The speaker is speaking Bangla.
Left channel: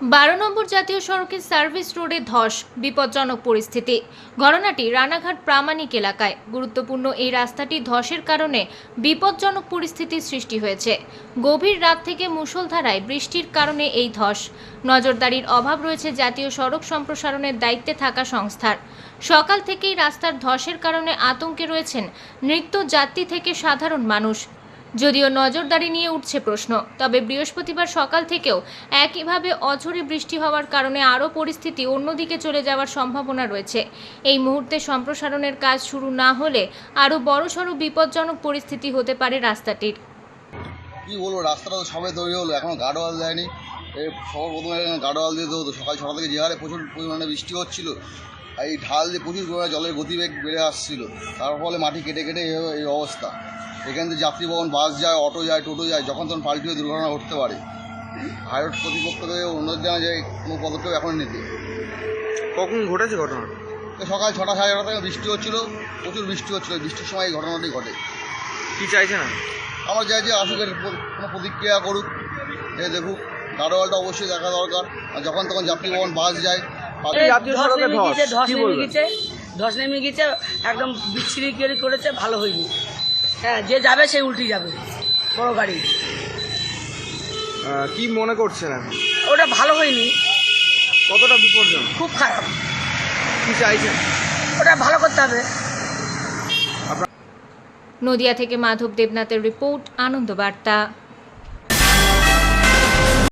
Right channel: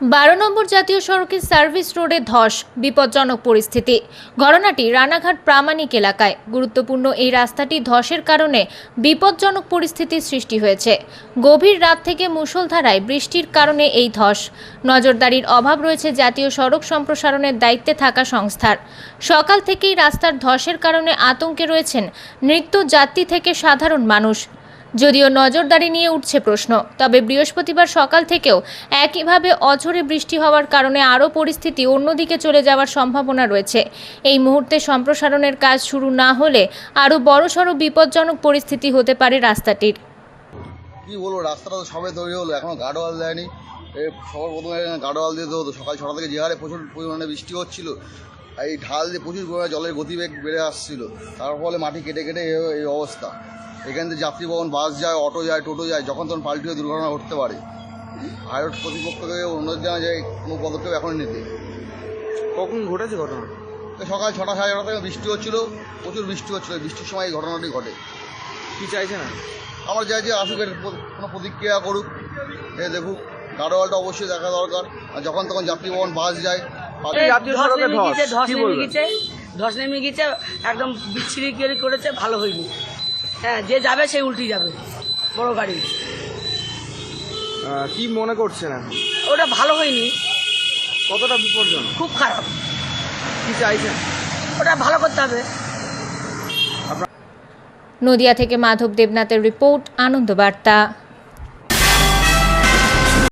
বারো নম্বর জাতীয় সড়কের সার্ভিস রোডে ধস, বিপজ্জনক পরিস্থিতি। ঘটনাটি রানাঘাট প্রামাণিক এলাকায়। গুরুত্বপূর্ণ এই রাস্তাটি ধসের কারণে বিপজ্জনক পরিস্থিতির সৃষ্টি হয়েছে। গভীর রাত থেকে মুষলধারায় বৃষ্টির কারণে এই ধস। নজরদারির অভাব রয়েছে জাতীয় সড়ক সম্প্রসারণের দায়িত্বে থাকা সংস্থার। সকাল থেকেই রাস্তার ধসের কারণে আতঙ্কে রয়েছেন নৃত্য যাত্রী থেকে সাধারণ মানুষ। যদিও নজরদারি নিয়ে উঠছে প্রশ্ন, তবে বৃহস্পতিবার সকাল থেকেও একইভাবে অঝরে বৃষ্টি হওয়ার কারণে আরও পরিস্থিতি অন্যদিকে চলে যাওয়ার সম্ভাবনা রয়েছে। এই মুহূর্তে সম্প্রসারণের কাজ শুরু না হলে আরও বড়সড় বিপজ্জনক পরিস্থিতি হতে পারে রাস্তাটির। কি বলব, রাস্তাটা তো সবে তৈরি হলো এখনও গার্ডওয়াল দেয়নি। সবার প্রথমে হতো, সকাল ছটা থেকে যে হারে প্রচুর পরিমাণে বৃষ্টি হচ্ছিল। এই ঢাল দিয়ে প্রচুর পরিমাণে জলের গতিবেগ বেড়ে আসছিল। তার ফলে মাটি কেটে কেটে এই অবস্থা। এখান থেকে যাত্রীবহন বাস যায় অটো যায় টোটো যায় যখন তখন পাল্টি হয়ে দুর্ঘটনা ঘটতে পারে। হাইরোড কর্তৃপক্ষকে অনুরোধ জানা যায় কোনো পদক্ষেপ এখন নিতে। কখন ঘটেছে ঘটনা? সকাল ছটা সাড়ে ছটা থেকে বৃষ্টি হচ্ছিল প্রচুর বৃষ্টি হচ্ছিল। বৃষ্টির সময় এই ঘটনাটি ঘটে। কি চাইছে না? আমার চাই যে আসুক কোনো প্রতিক্রিয়া করুক। দেখুক গাড়োয়ালটা অবশ্যই দেখা দরকার। আর যখন তখন যাত্রীবহন বাস যায় ধস নেমে গেছে ধস নেমে ধস গেছে একদম বিচ্ছিরি করে করেছে ভালো হয়নি। হ্যাঁ যে যাবে সে উল্টি যাবে বড় গাড়ি। কি মনে করছেন এখন? ওটা ভালো হয়নি। কতটা বিপজ্জনক? খুব খারাপ। কি চাইছেন? ওটা ভালো করতে হবে। নদিয়া থেকে মাধব দেবনাথের রিপোর্ট আনন্দ বার্তা।